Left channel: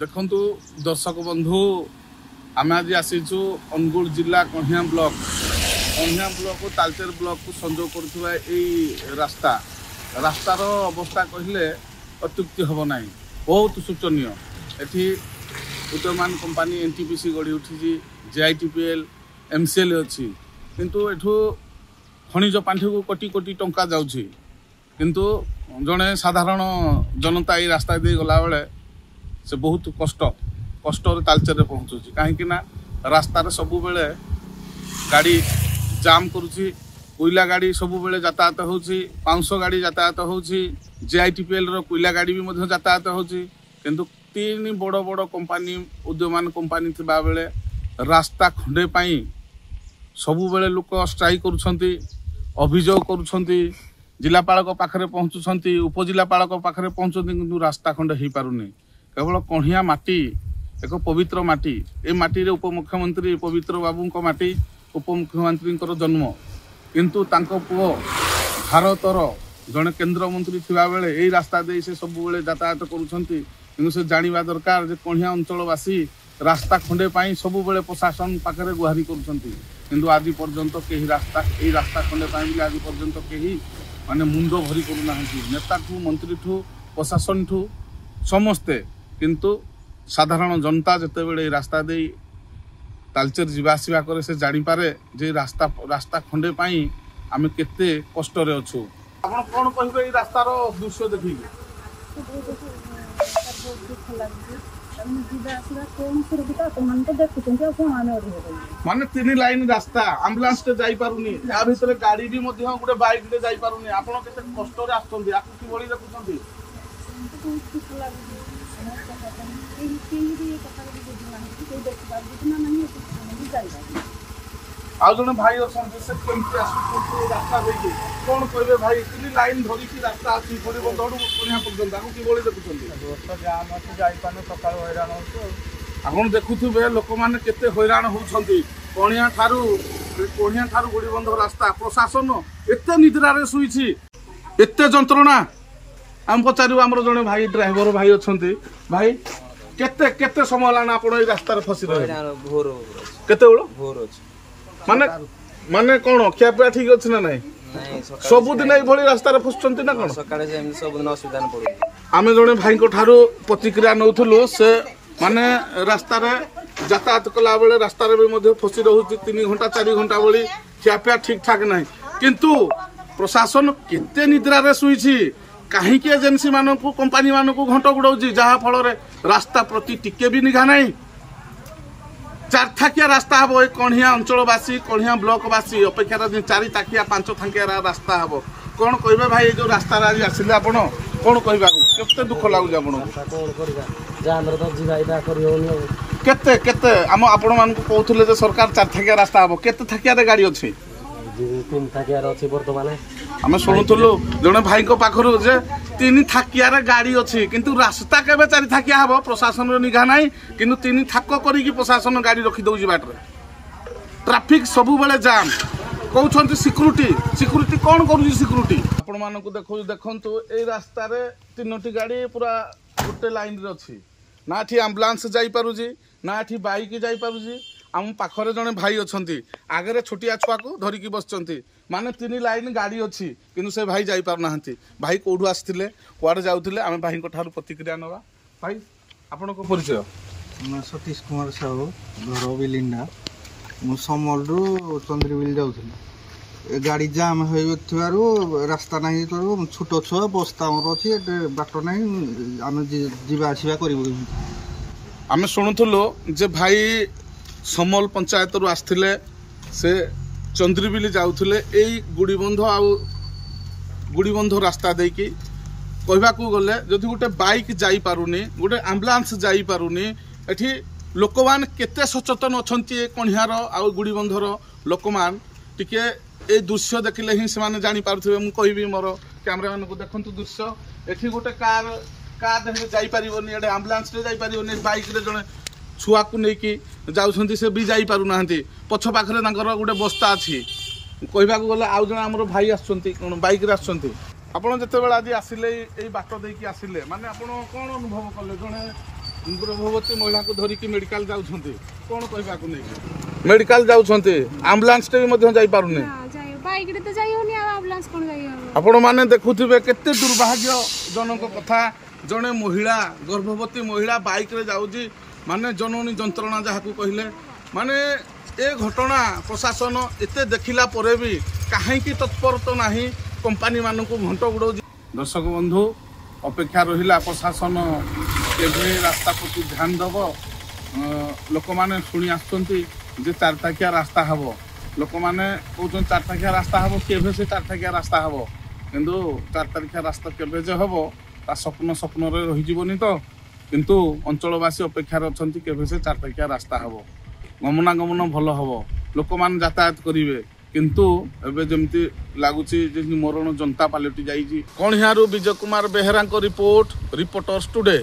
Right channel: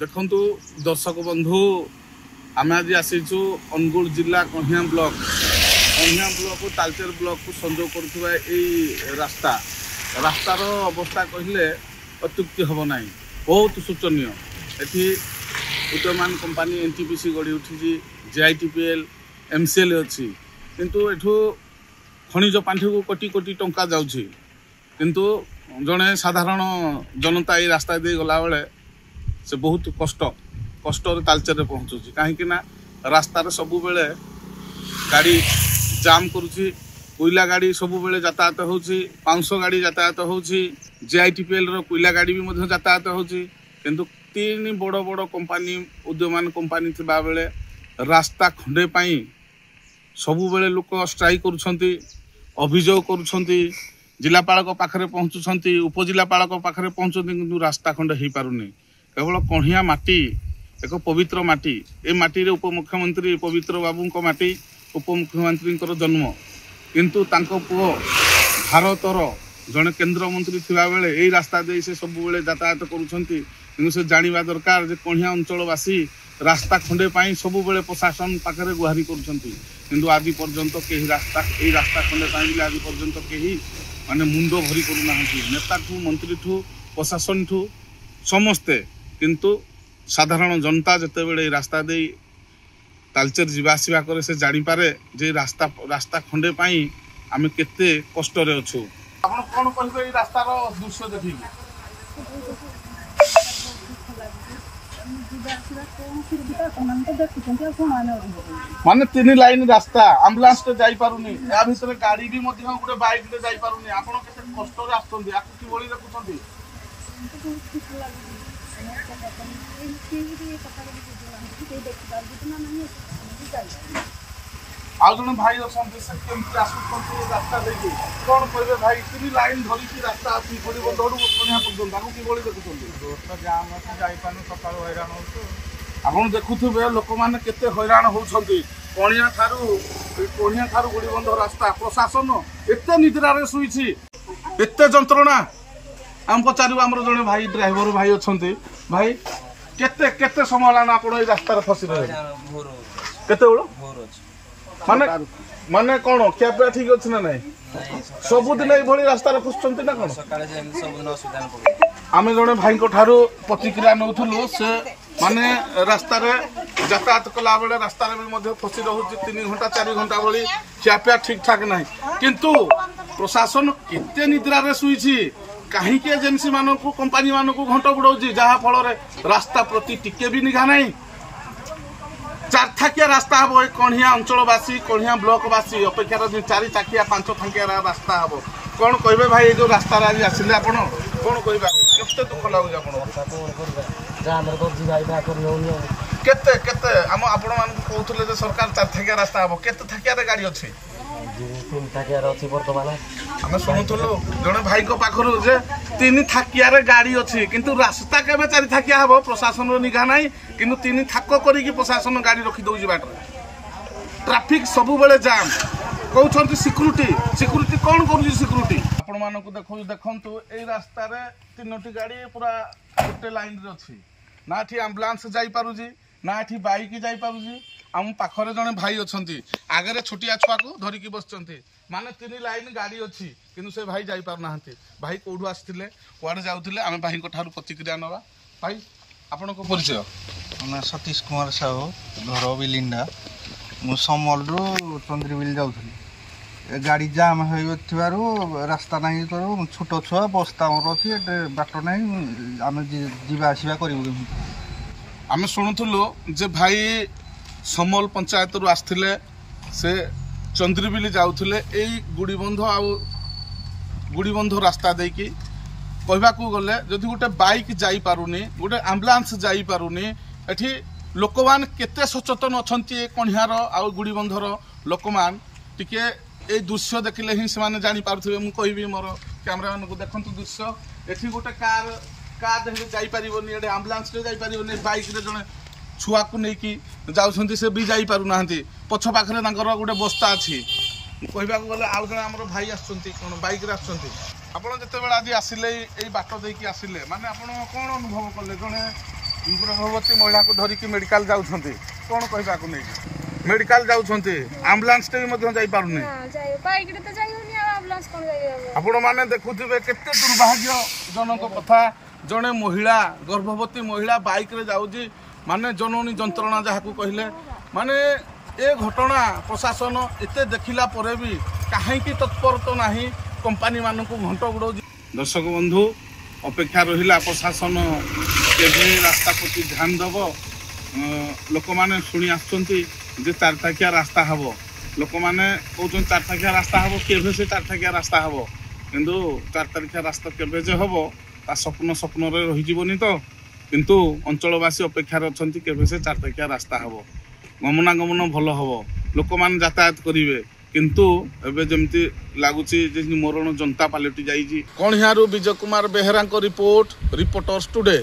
देखंतु दर्शक बंधु आम आज आसीचु अनुगुल जिला कहिया ब्लॉक को तालचेर ब्लॉक को संजोग करुवा रास्तार अवस्था कहले अत्युक्ति हम ना बहुत शोचनीय। एठी उदयमान कंपानी एनटीपीसी गढ़ी उठी जेआईटीपीएल एमसीएल अच्छी किंतु एठू खनिज पांठी को कोटी कोटी टंका जाउछि किंतु जड़े साधारण जनता ये रास्ता दे गला बेले से बहुत कष्ट तालचेर पहुँचुची कहीं रास्तार सब बेले गाड़ी जाम करुची कोयला गाड़ी सब बेले यातायात होची पाउंस गाड़ी यातायात होची जेआईटीपीएल रो कोयला गाड़ी भी मध्य यातायात होची किंतु तीन बड़ बड़ कंपानी उद्यमान कंपानी थिबा बेले रास्ता खंडे पाई सब बेले लोक स्ट्राइक करुछंती अभियोग करुछंती जिलापाल पाखरे पहुँचुंट उपजिलापाल पाखरे पहुँचती किंतु रास्ता खंडे हो पारुनी केवल कहिया माटी एक पवित्र माटी ए माटी रे उपमुख्यमंत्री पवित्र बाबू माटी उपमुख्यमंत्री जन्म किंतु तांको पुओ भारतर जड़े केन्द्रमंत्री थिबा बेले एई रास्ता दे से सब बेले यातायात करुछंती किंतु से जानिबा दरकार जे कहिया अंचलवासी रास्ता खंडे पाई सब बेले प्रशासन पाखरे गुहारी करुछंती किंतु आज पर्यंत केही रास्ता खंडे पाई आज पर्यंत केही माने मुंड भरी करूना नेता ठू मंत्री ठू प्रशासन ठू समस्ते किंतु साधारण जनता जिते बड़े रास्ता दे तालचेर जीवासवा करे से जानी पारे जे रास्ता खंडे पाई आमे केते कष्ट रे अछु। आपण कोन कहबे ई रास्तार दृश्य देखिबे माने तीन लाइन रास्ता एम्बुलेंस ते जाई पारुनी या भीतर गाड़ी भी मध्य गोटे बाइक ते जाई पारुनी आपण केते कष्ट रे आछथि आकु कि बोली देखुछथि आउ जने भाई अछथि से केमति आसुछथि रास्ता देकी कोन कहबे भाई तीन लाइन धरी की रास्ता आसी पड़ी बंदडू कोनिया पर्यंत आकु कि बोली देखुछथि दोस्त जाम को जाई पाने सकाळ हैरान होतो आपण देखुथबे लोक माने केते हैरान होउछथि कोनिया थारु गुड़ी बंध रास्ता प्रशासन एते निद्रा रे सुईछि एते जंत्रणा हम पचारू हमर जने भाई ड्राइवर भाई अछथि भाई केते केते समय लाना आपण ए रास्ता रे फसी रहे भोर केते बेलो भोर अछि माने माने कोन क्या पे ठीक अछि ना नहीं सब दिन ए भली रास्ता रे फसचंती ना कोन सकाळे से सब दिन असुविधा न पड़ो आमे जने भाई को थारु प्रतिक्रिया नउथुलो से माने रास्ता रे यातायात कला बेले रास्ता रे भी फसी रहुची 3 घंटा 4 घंटा बड़ी खियापिया ठीक ठाक नहीं किंतु प्रशासन केते निद्रा रे सुईछि कहीं एजेंसी मानू कंपानी मानू घंट गुड़ाऊँ जहाँ फल रास्ता प्रति टिके भी निघा ना 4 थाकिया रास्ता हम कहिया अंचलवासी कहिया ब्लॉकवासी अपेक्षार 4 थाकिया 5 थाकिया रास्ता हम कौन कहे भाई जो रास्ता आज आसिले आप कौन कहते दुख लगुच केते केते आम आपण मान कहते सरकार 4 थाकिया रास्ता हम केते थाकिया गाड़ी अच्छी 3 थाकिया बर्तमान आम शुणुलु जड़े भाई पाखर जे 3 थाकिया गाड़ी अच्छी किंतु रास्ता केबे 4 थाकिया हम प्रशासन निघा ना किंतु 3 थाक करी प्रशासन गाड़ी रखी दौर बाटर ट्राफिक सब बेले जाम कहते सिक्यूरीटी कौन कर सिक्यूरीटी आपण मान देखु ए रास्ता 3टी गाड़ी पूरा गोटे लाइन रे अच्छी ना एठी एम्बुलेंस जाई पारुजी ना एठी बाइक जाई पारुजी आम पाखरे जड़े भाई अच्छा आगे छोटिया छुआ को धरिकी बसचंती माने 3 लाइन गाड़ी अच्छी किंतु से भाई जाई पारना भाई कौटू आसते कुआड़े जाऊे आम भाई ठारू प्रतिक्रिया नवा भाई आपण को परिचय सतीश कुमार साहू घर बिलिंडा मु समल रु चंद्रीबिल जाऊँ गाड़ी जाम हो रास्ता नहीं करूँ छोट छुआ बस्ता अच्छी बाट नहीं आम जावासवा कर आम शुणुलु जे भाई समल पंचायत रु आसथिले से चंद्रीबिल जाउथिले एई गुड़ीबंध रास्ता देकी कहबा को गले जदि गोटे बाइक जाई पारुनी गोटे एम्बुलेंस जाई पारुनी एठी लोकमान केते सचेतन अछंती ए कणियार आ गुड़ीबंधर लोकमान टिके ए दृश्य देखिले ही से माने जानी पारुथिबे मु कहबी मोर कैमरामैन को देखंतु दृश्य एठी गोटे कार देखे जाई परिबोनी एडे एम्बुलेंस रे जाई परिबोनी बाइक रे जने छुआ को लेकिन जाऊँ से भी जाई पारु ना पछ पाखे गोटे बस्ता अच्छी कहबा गले आउ जन आम भाई आइक आपड़ जिते आज आसिले बाट देकी आसिले माने आप कौन अनुभव कले जड़े गर्भवती महिला को धरिकी मेडिकल जाउछन्ती कोन कहबाकू नै मेडिकल जाउछन्ती एम्बुलेंस टे मध्ये जाई पारुनी हां जाय बाइक रे त जाई होनी एम्बुलेंस कोन जाई हो आपण माने देखुथिबे केते दुर्भाग्य जनक कथा जने महिला गर्भवती महिला बाइक रे जाउजी माने जननी जंत्रणा जहाकू कहले माने ए घटना प्रशासन एते देखिला परे भी काहेकि तत्पर तो नाही कंपनी मानू घंट गुड़। दर्शक बंधु अपेक्षा रहिला प्रशासन केबे रास्ता प्रति ध्यान दब लोक माने शुणी आसुचंती जे 4 टाकिया रास्ता हबो लोक माने कहउछन 4 टाकिया रास्ता हबो केबे से 4 टाकिया रास्ता हबो किंतु 4 टाकिया रास्ता केबे जे हबो ता स्वप्न रे रहि जीवनी तो किंतु अंचलवासी अपेक्षा रछंती केबे से 4 टाकिया रास्ता हबो गमनागमन भल हम लोक मैंने यातायात करेंगे किंतु एबे जमती लगुच मरण जनता पलटि जाइए। कणिहारू विजय कुमार बेहेरा रिपोर्टर्स टुडे।